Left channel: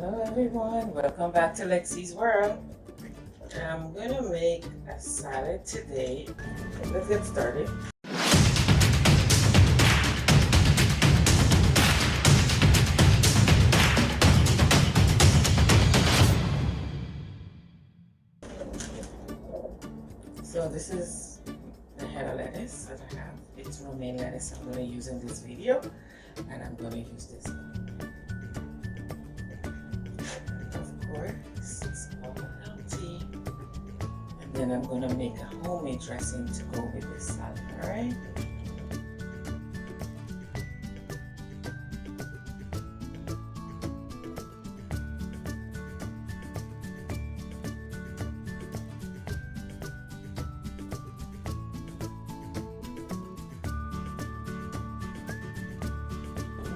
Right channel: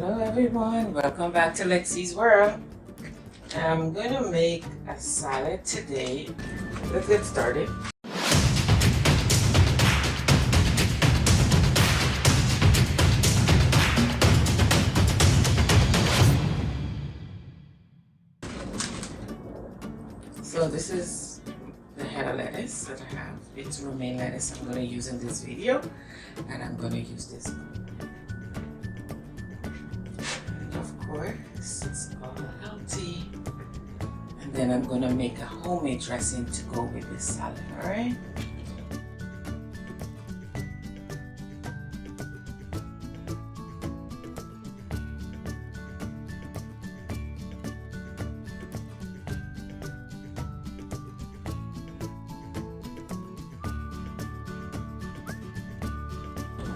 Hello everyone, welcome back to LEXI'S world. I'm gonna make a salad today. Let's get started. So this is the head of lettuce that I have. It's romaine lettuce I'm gonna use in this video, and I'm gonna use this. It's all healthy. And then I'm gonna make a homemade dressing to go with this salad, alright?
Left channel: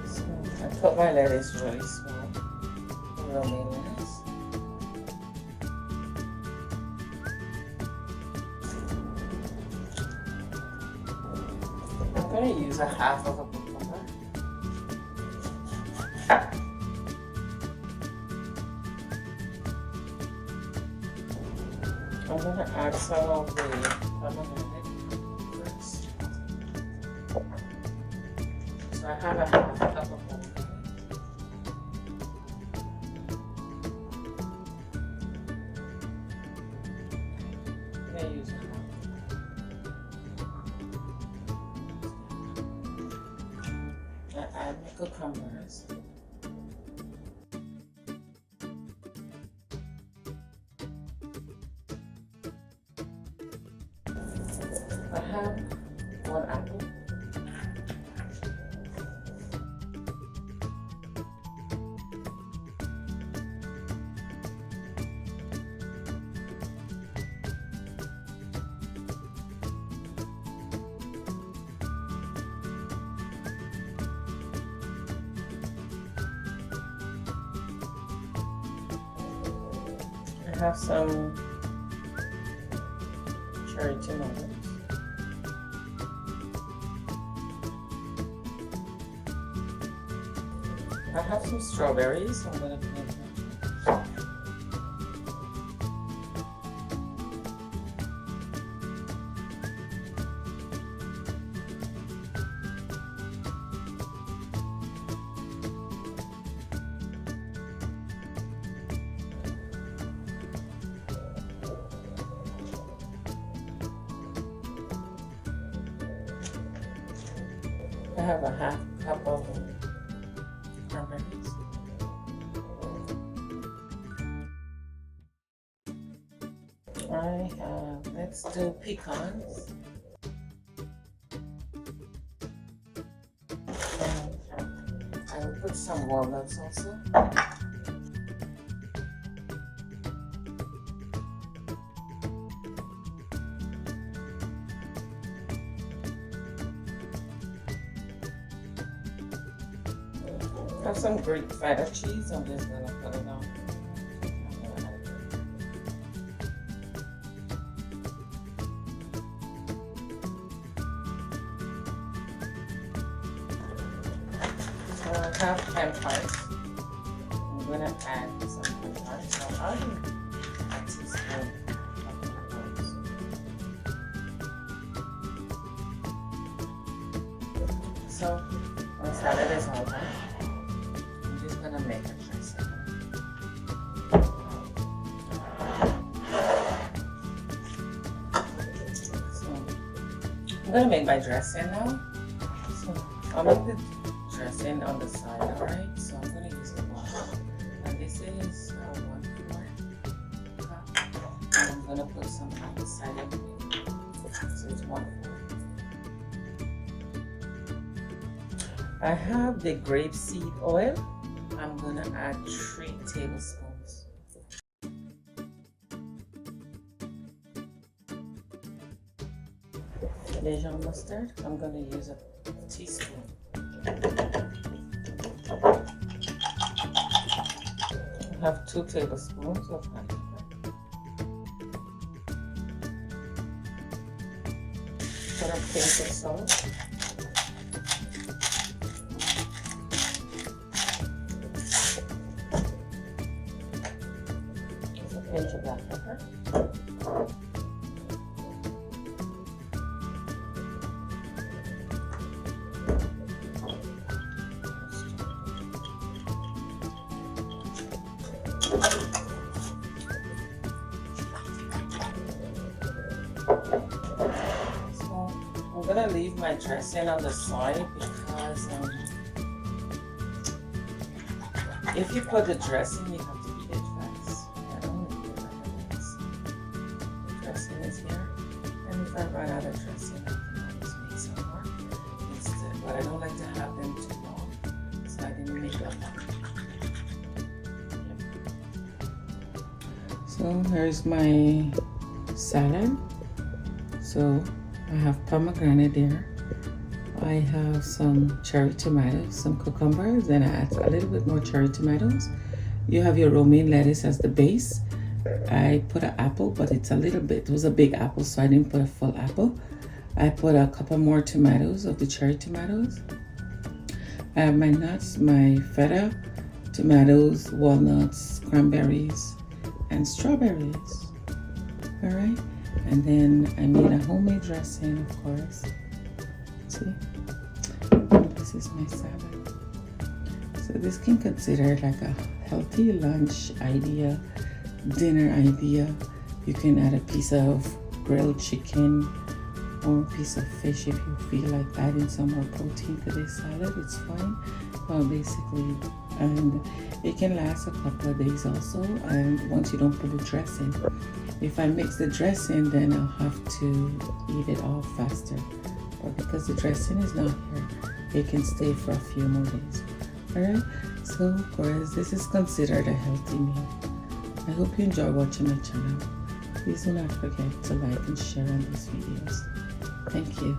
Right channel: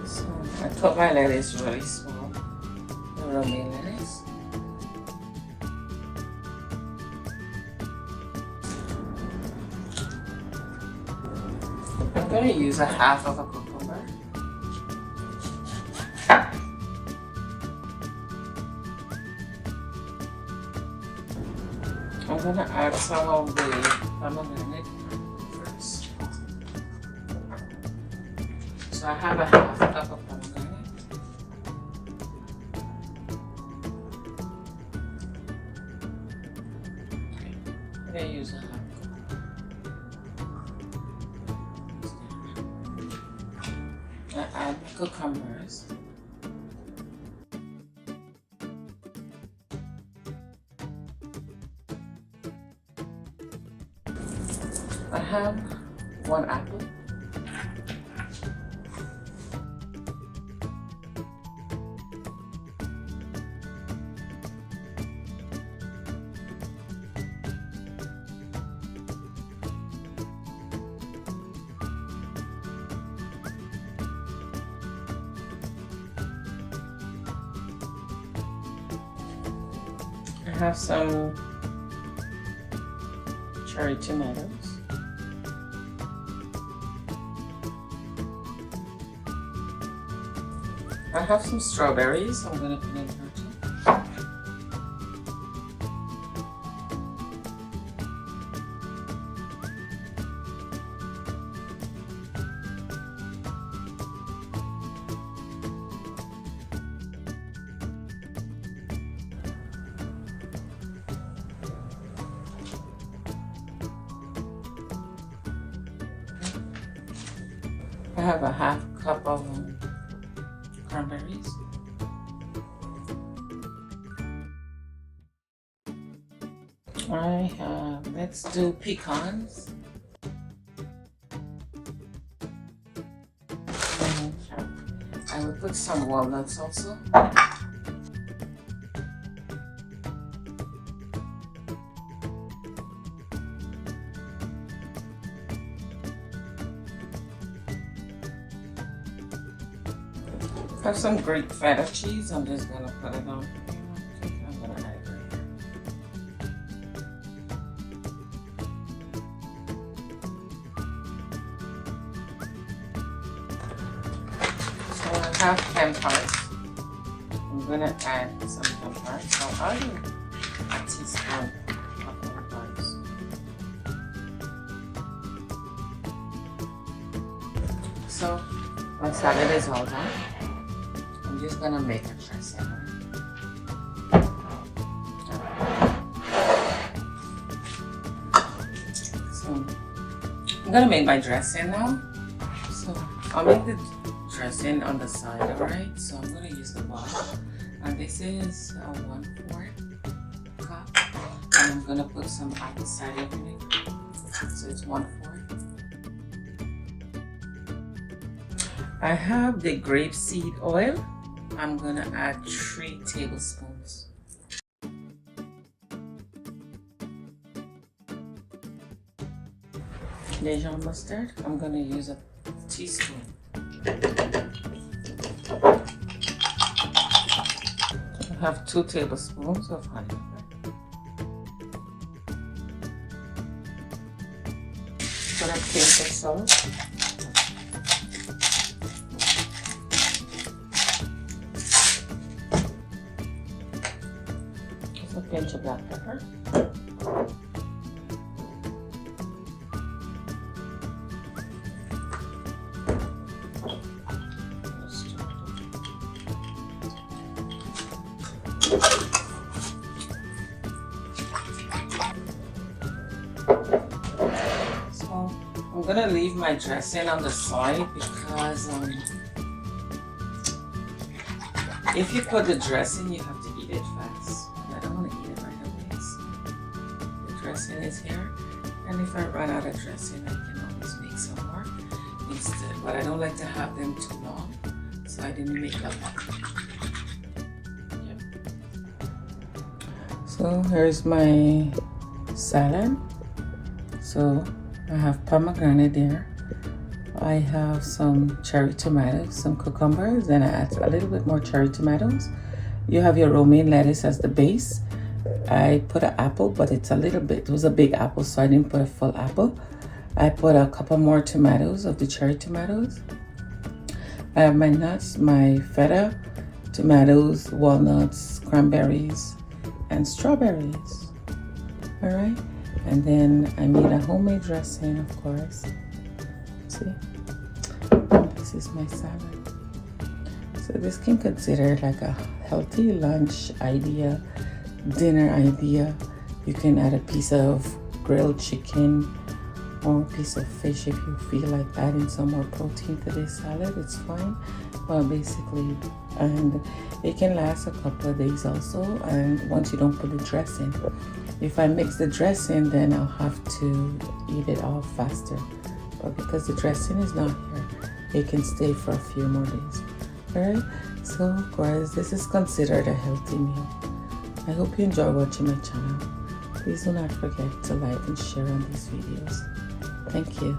So I cut my lettuce really small. Romaine lettuce. I'm going to use a half of a cucumber. I'm going to add some of the pomegranate first. So I have a half cup of pomegranate. I use a half. Add cucumbers. I have one apple. I have some cherry tomatoes. I have some strawberries. I'm going to put in. I have a half cup of cranberries. I have, let's do pecans. And I will put some walnuts also. I have some grape feta cheese. I'm just gonna put it on. I have peppers. I'm gonna add some peppers. So I add a teaspoon of peppers. So my salad is all done. I'm just gonna make a dressing. So I'm gonna make my dressing now. So I'll make the dressing on the side, alright? So I'm gonna use the bottle. And this is 1/4 cup. And I'm gonna put some apple cider vinegar. So it's 1/4. I have the grape seed oil. I'm gonna add 3 tablespoons. Dijon mustard. I'm gonna use a teaspoon. I have 2 tablespoons of honey. And I think salt. bunch of black pepper. I'm gonna leave my dressing on the side because if you put the dressing, you have to eat it fast. I don't want to eat it right away. So the dressing is here, and if I run out of dressing, I can always make some more instead. But I don't like to have them too long, so I didn't make up. So here's my salad. So I have pomegranate there. I have some cherry tomatoes, some cucumbers, and I add a little bit more cherry tomatoes. You have your romaine lettuce as the base. I put an apple, but it's a little bit, it was a big apple, so I didn't put a full apple. I put a couple more tomatoes of the cherry tomatoes. I have my nuts, my feta, tomatoes, walnuts, cranberries, and strawberries. All right, and then I made a homemade dressing, of course. See, this is my salad. So this can consider like a healthy lunch idea, dinner idea. You can add a piece of grilled chicken or a piece of fish if you feel like adding some more protein to this salad. It's fine. Well, basically, and it can last a couple of days also. And once you don't put the dressing, if I mix the dressing, then I'll have to eat it all faster. But because the dressing is not here, it can stay for a few more days. Alright, so guys, this is considered a healthy meal. I hope you enjoy watching my channel. Please do not forget to like and share on these videos. Thank you.